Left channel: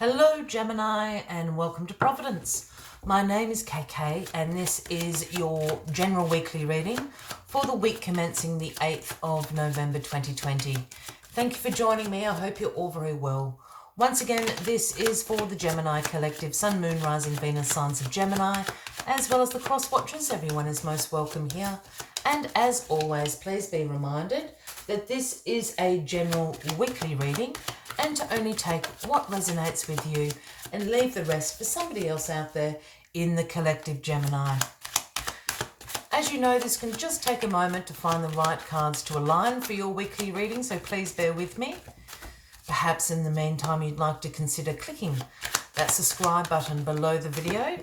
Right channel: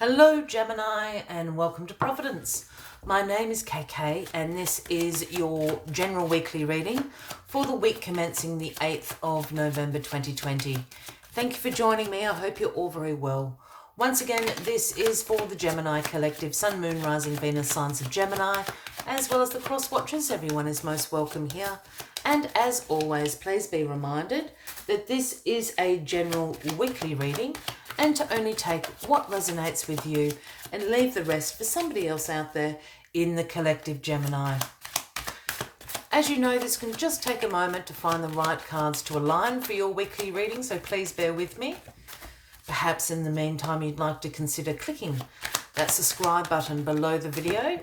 Hello Gemini and welcome to Providence. My name is KK and this is your general weekly reading for the week commencing the 8th of November 2020. Thank you for joining me. I hope you're all very well. Once again, this is for the Gemini Collective, Sun, Moon, Rising, Venus, signs of Gemini, as well as the cross watchers. Everyone is most welcome here. And as always, please be reminded that this is a general weekly reading and to only take what resonates with you and leave the rest for somebody else out there in the collective Gemini. As you know, this can just take a moment to find the right cards to align for your weekly reading, so please bear with me. Perhaps in the meantime you'd like to consider clicking that subscribe button below the video.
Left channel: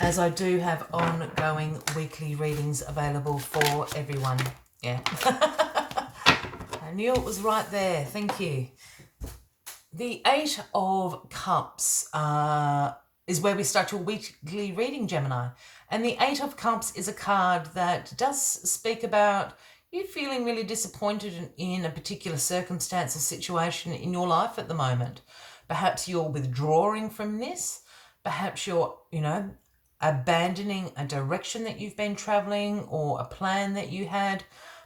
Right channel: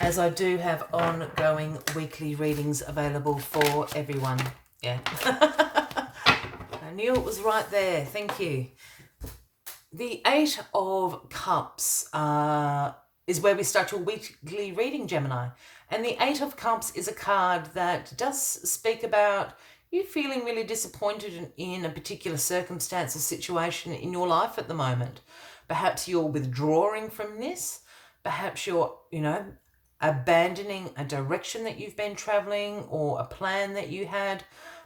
As I do have ongoing weekly readings available for everyone. Yeah. I knew it was right there. Thank you. The Eight of Cups is where we start your weekly reading, Gemini. And the Eight of Cups is a card that does speak about you feeling really disappointed in a particular circumstance or situation in your life at the moment. Perhaps you're withdrawing from this. Perhaps you're, abandoning a direction that you've been traveling or a plan that you had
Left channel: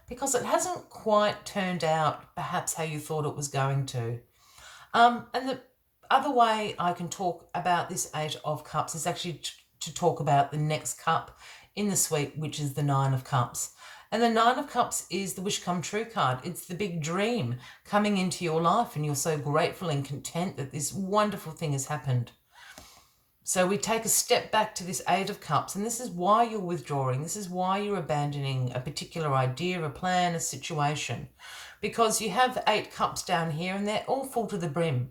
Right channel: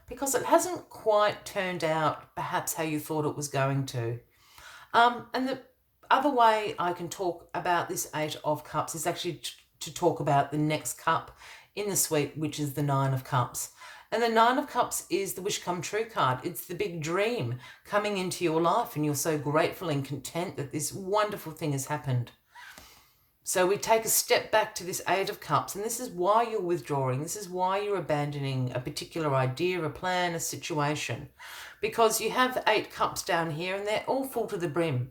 because it hasn't quite turned out perhaps how you thought it was going to. And the other way I can talk about this Eight of Cups is actually to talk about the next cup in the suite, which is the Nine of Cups. And the Nine of Cups is the wish come true card. It's the big dream coming into your life and you're so grateful and content that this wonderful thing has happened. So we take a step back to this Eight of Cups, and this is why you're withdrawing. This is why you're abandoning a particular idea, a plan, a situation. Because you have the 8 cups down here and they're all full to the brim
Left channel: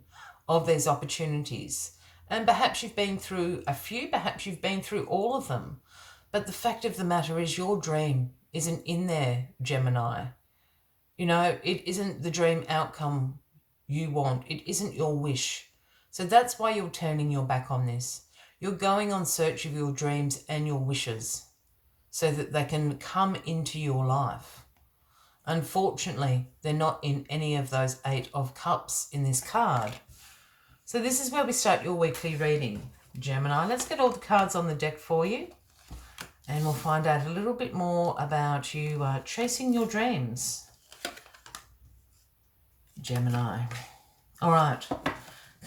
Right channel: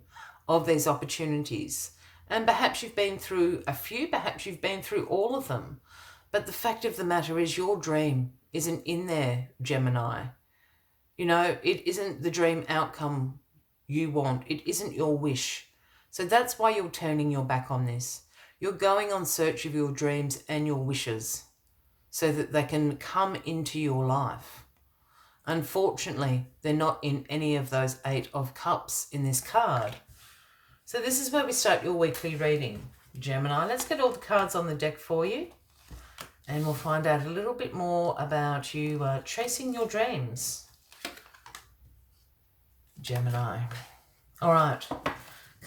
of these opportunities. And perhaps you've been through a few, perhaps you've been through all of them. But the fact of the matter is your dream isn't in there, Gemini. It isn't the dream outcome you want. It isn't your wish. So that's why you're turning your back on this. You're going on search of your dreams and your wishes so that they can come into your life. Unfortunately, they're not in any of those 8 of Cups in this card. So this is where we start your weekly reading, Gemini. Let's get all the cards on the deck for you. And we'll find out a little bit more about you chasing your dreams, Gemini. All right.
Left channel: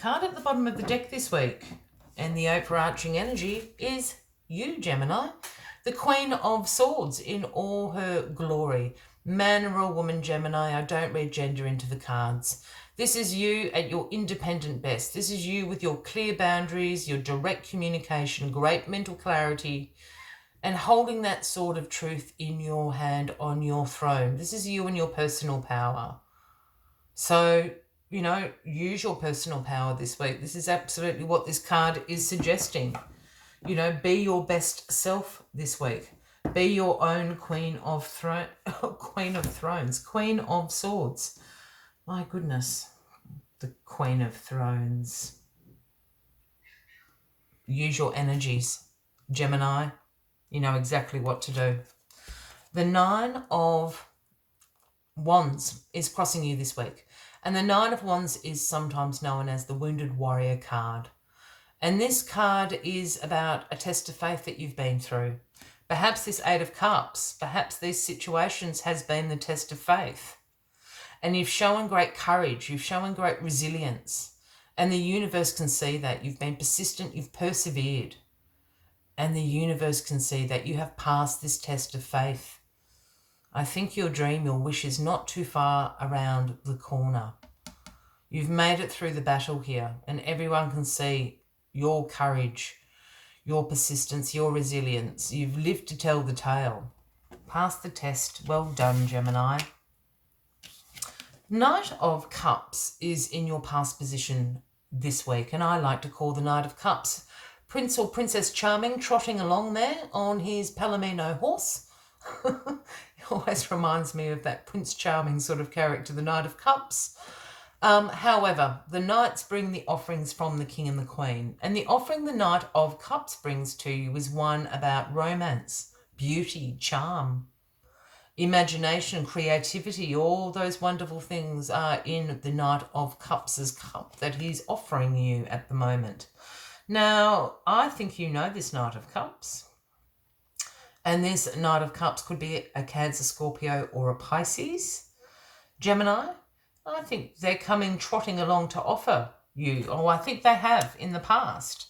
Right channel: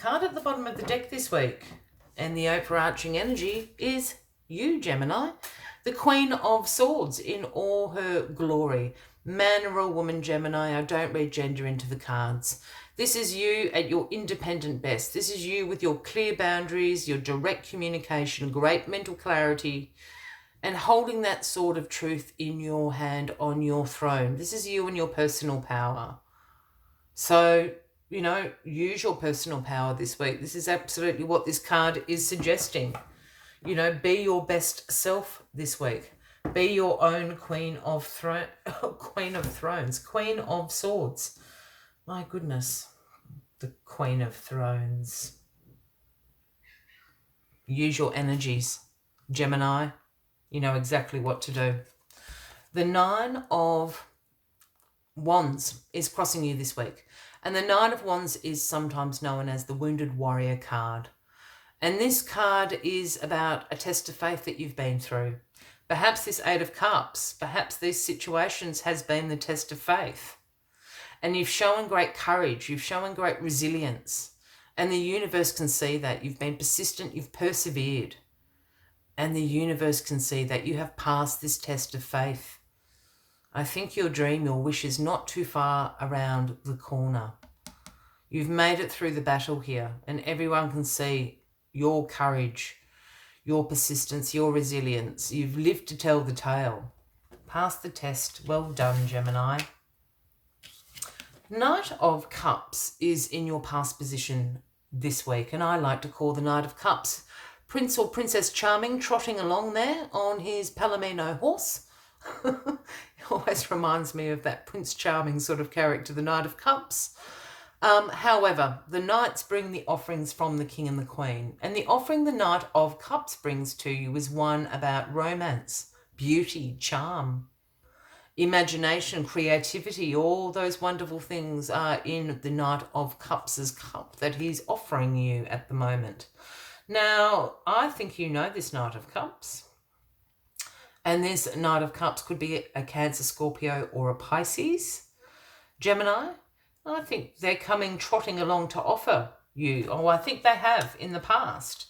Card at the bottom of the deck this week, and the overarching energy is you, Gemini. The Queen of Swords in all her glory. Man or a woman, Gemini. I don't read gender into the cards. This is you at your independent best. This is you with your clear boundaries, your direct communication, great mental clarity, and holding that sword of truth in your hand on your throne. This is you and your personal power. So, use your personal power this week. This is absolutely what this card is suggesting. Be your best self this week. Be your own Queen of Thrones, Queen of Swords. My goodness, the Queen of Thrones. Use your energies, Gemini. You know exactly what to do. The Nine of Wands is crossing you this week. And the Nine of Wands is sometimes known as the Wounded Warrior card. And this card is about a test of faith that you've been through. Perhaps this Eight of Cups, perhaps these situations has been the test of faith. And you've shown great courage, you've shown great resilience. And the universe can see that. You've been persistent, you've persevered. And the universe can see that you have passed this test of faith. I think your dream, your wish is not too far around the corner. You've made it through the battle here, and everyone can see your courage, your persistence, your resilience. You've lived to tell the tale. Passed the test. Well done, Gemini. Knight of Cups is in your past position this week, and I like to call the Knight of Cups Prince or Princess Charming trotting along there on his Palomino horse. It always reminds me of that Prince Charming sort of character, the Knight of Cups. However, the Knights bring the offerings from the King and the Queen. And the offering the Knight of Cups brings to you is one about romance, beauty, charm. imagination, creativity, all those wonderful things are in the Knight of Cups' cup that he's offering you at the moment. Now, I think you know this Knight of Cups. And this Knight of Cups could be a Cancer, Scorpio, or a Pisces. Gemini, I think they're coming trotting along to offer you, or I think they have in the past.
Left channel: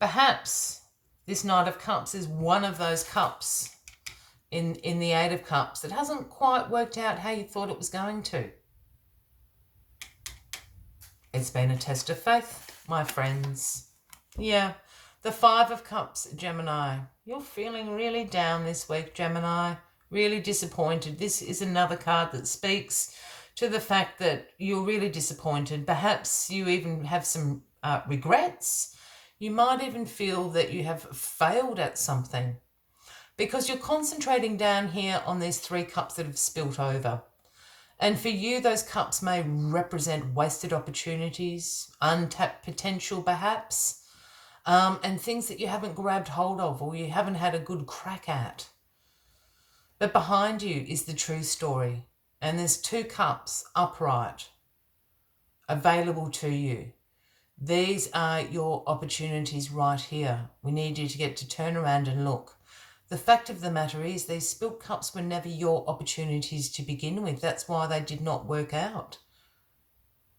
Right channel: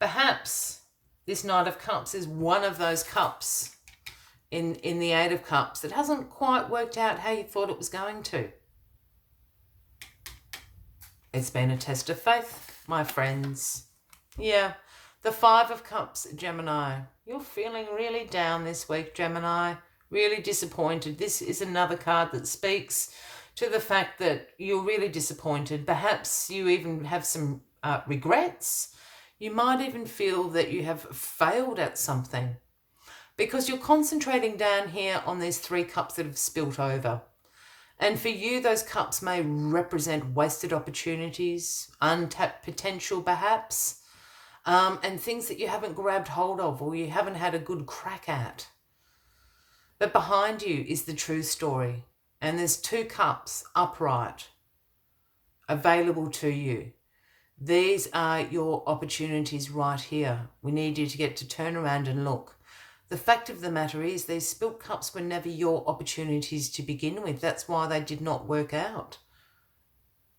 Perhaps this Knight of Cups is one of those cups in the Eight of Cups that hasn't quite worked out how you thought it was going to. It's been a test of faith, my friends. Yeah, the Five of Cups, Gemini. You're feeling really down this week, Gemini. Really disappointed. This is another card that speaks to the fact that you're really disappointed. Perhaps you even have some regrets. You might even feel that you have failed at something because you're concentrating down here on these three cups that have spilt over. And for you, those cups may represent wasted opportunities, untapped potential perhaps, and things that you haven't grabbed hold of or you haven't had a good crack at. But behind you is the true story. And there's two cups upright, available to you. These are your opportunities right here. We need you to get to turn around and look. The fact of the matter is these spilt cups were never your opportunities to begin with. That's why they did not work out,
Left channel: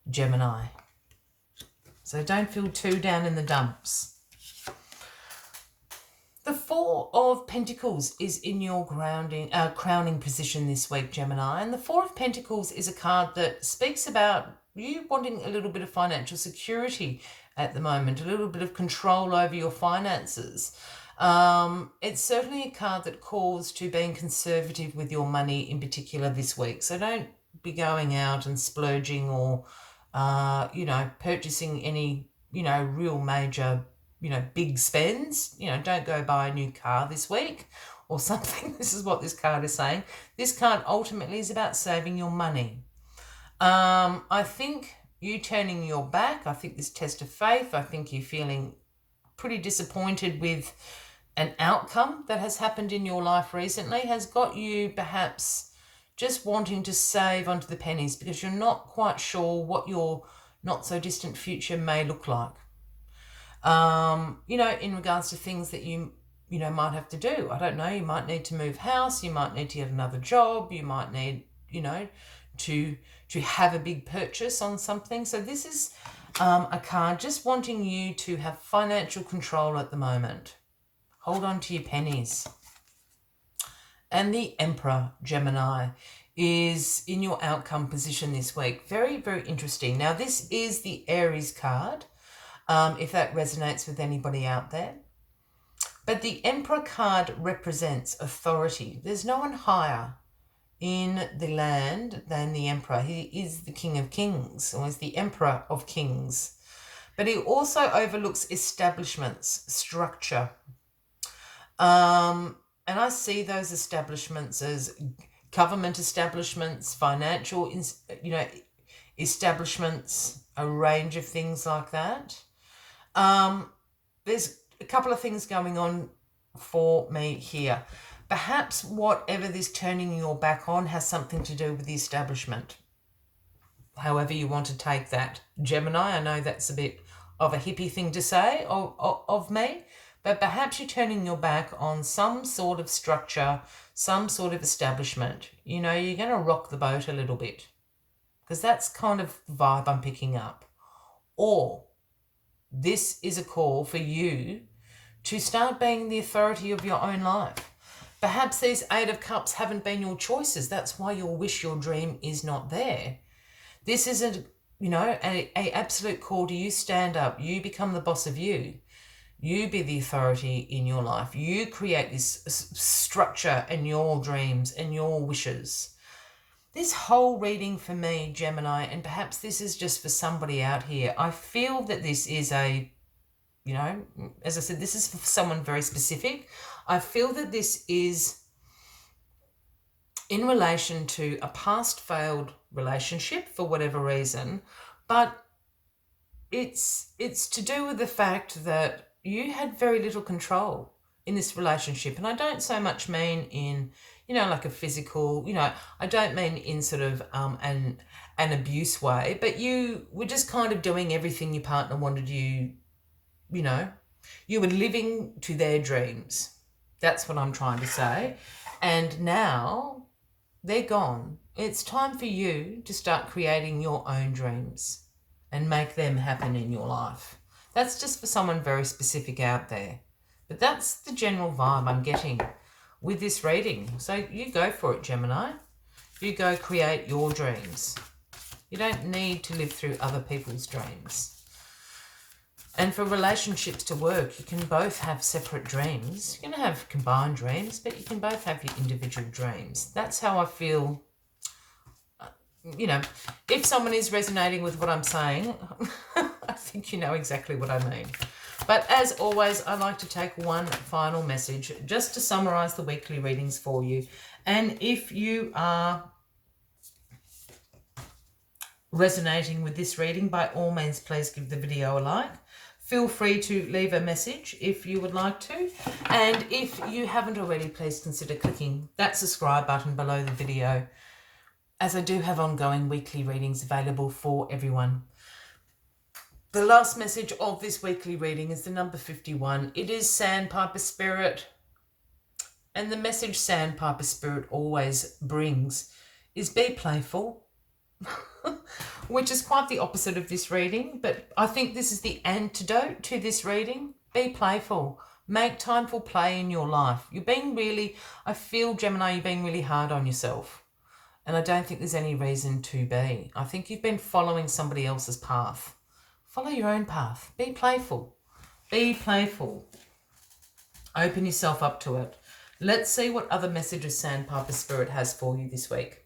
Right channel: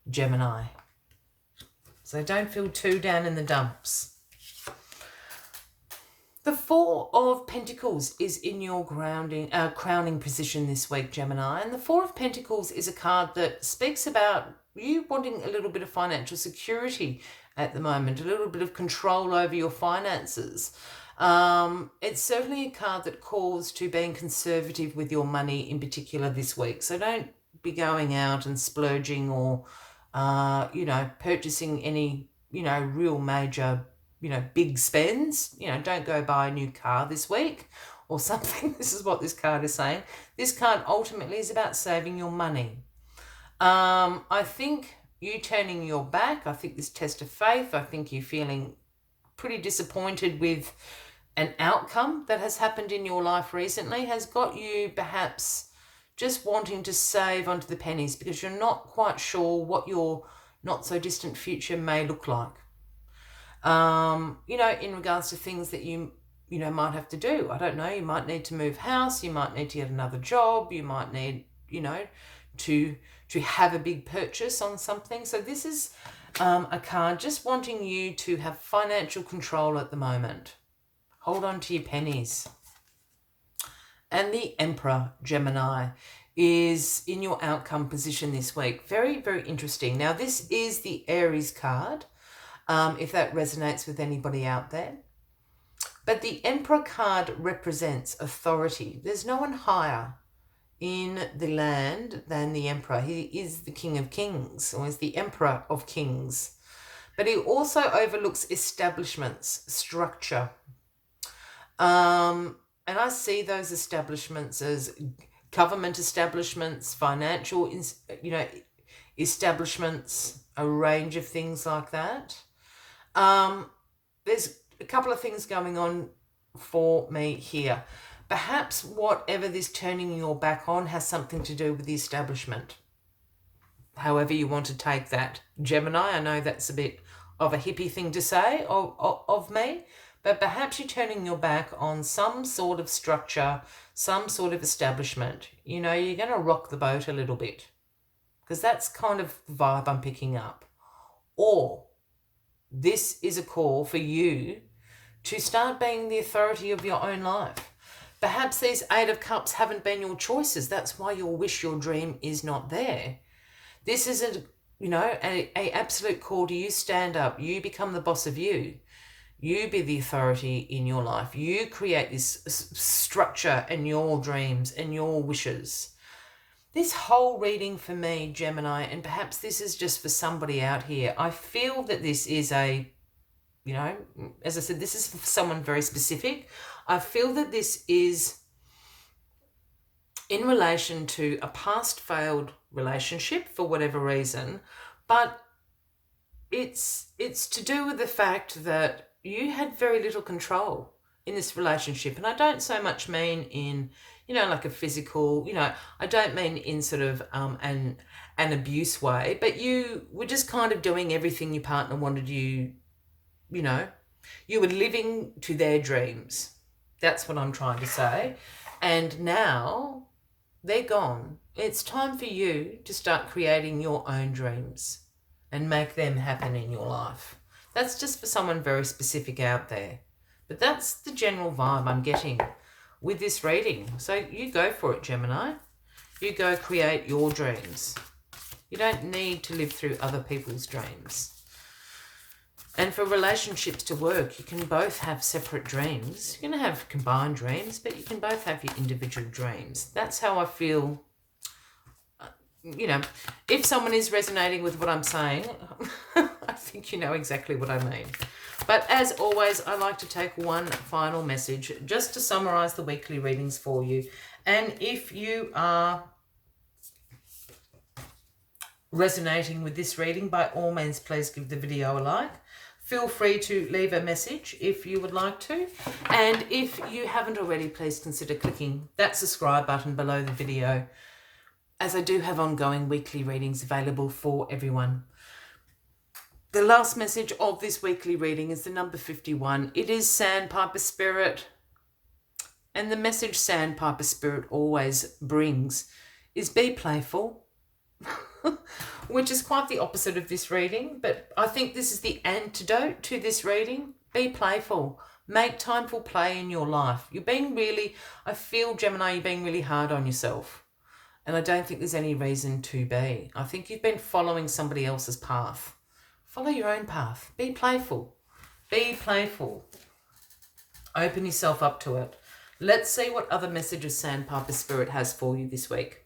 Gemini. So don't feel too down in the dumps. The Four of Pentacles is in your crowning position this week, Gemini. And the Four of Pentacles is a card that speaks about you wanting a little bit of financial security at the moment, a little bit of control over your finances. It's certainly a card that calls to being conservative with your money in particular this week. So don't be going out and splurging or, purchasing any, real major big spends. Don't go buy a new car this week or something. This is what this card is saying. This card ultimately is about saving your money. I think you turning your back, I think this test of faith, I think you're feeling pretty disappointed with an outcome that has happened in your life recently has got you perhaps just wanting to save onto the pennies because you're not quite sure what your not so distant future may look like. In regards to things that you might have to do. I don't know, you might need to move house, you might need to get another job, you might need, to have a big purchase on something. So this is a card just wanting you to have financial control at the moment. Hold on to your pennies. And the Emperor, Gemini, is in your outcome position this week. Very, very interesting. Now, this is the Aries card. If that resonates with anybody out there. But the Emperor card represents authority. There's no one higher in the land than the Emperor. He is the King of Kings, or is the Emperor of Kings. But he also overlooks establishments, structure. And I see those establishments as government establishments, financial, establishments, a range of things like that. There's a couple of things going on for me here. Perhaps whatever this turning your back on has something to do with the establishment. However you want to take that. Gemini, I know that's a bit of a hippie thing to say of me, but perhaps you're turning your back on some sort of structure, some sort of establishment. You're going to rock the boat a little bit because that's kind of the vibe I'm picking up. Or this is a call for you to start being the authority of your own life. Perhaps these Eight of Cups haven't been your choices. That's why your wish, your dream is not there. This is an absolute call to you stand up. You become the boss of you. You be the authority in your life. You create this structure in your dreams and your wishes. This whole reading for me, Gemini, and perhaps this is just for somebody out here, I feel that this is as I said, this is for someone very specific. I feel that this is in relation to a past failed relationship for whatever reason, but it's to do with the fact that you had very little control in this relationship. And I don't so much mean in like a physical, I don't mean in sort of an abuse way, but you were just kind of doing everything your partner wanted you, you were living to their dreams. That's what I'm trying to say. And now they're gone. It's time for you to start creating your own dreams and make them happen in your life. That's just for someone very specific out there. But that's the general vibe I'm getting with this reading. So you go for it, Gemini. You go create your dreams. You don't need to live through other people's dreams. And for relationships to work, you can both have separate dreams. You're going to have combined dreams, but you can both have your individual dreams. That's how I feel. If someone is resonating with what I'm saying, I think you know exactly what I mean. But as always, I like to take one final message just to summarize the weekly readings for you. And if you are resonating with this reading, by all means, please give the video a like. Feel free to leave a message if you would like to. And if you haven't already, please consider clicking that subscribe button below the video, as I do have ongoing weekly readings available for everyone. The last message of this weekly reading is the number 51. It is Sandpiper Spirit. And the message Sandpiper Spirit always brings is be playful. Which is quite the opposite of this reading, but I think this is the antidote to this reading. Be playful. Make time for play in your life. I feel, Gemini, you're being really hard on yourself. And I don't think there's any reason to be. I think you've been following somebody else's path. Follow your own path. Be playful. Be playful. Open yourself up to it. Let's see what other messages Sandpiper Spirit has for you this week.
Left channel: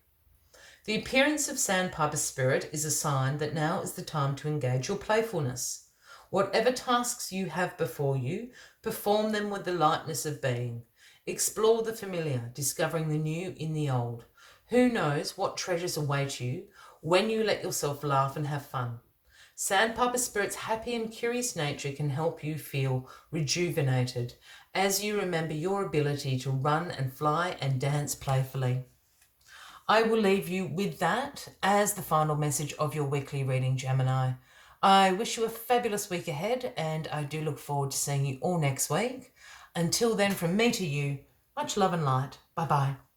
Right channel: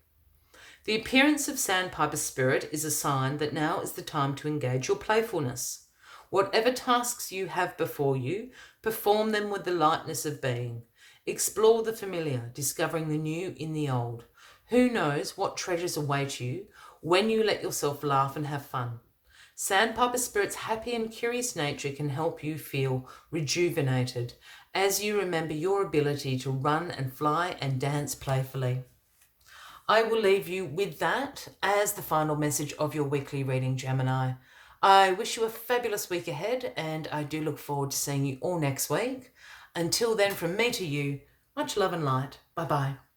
The appearance of Sandpiper Spirit is a sign that now is the time to engage your playfulness. Whatever tasks you have before you, perform them with the lightness of being. Explore the familiar, discovering the new in the old. Who knows what treasures await you when you let yourself laugh and have fun. Sandpiper Spirit's happy and curious nature can help you feel rejuvenated as you remember your ability to run and fly and dance playfully. I will leave you with that as the final message of your weekly reading, Gemini. I wish you a fabulous week ahead, and I do look forward to seeing you all next week. Until then, from me to you, much love and light. Bye-bye.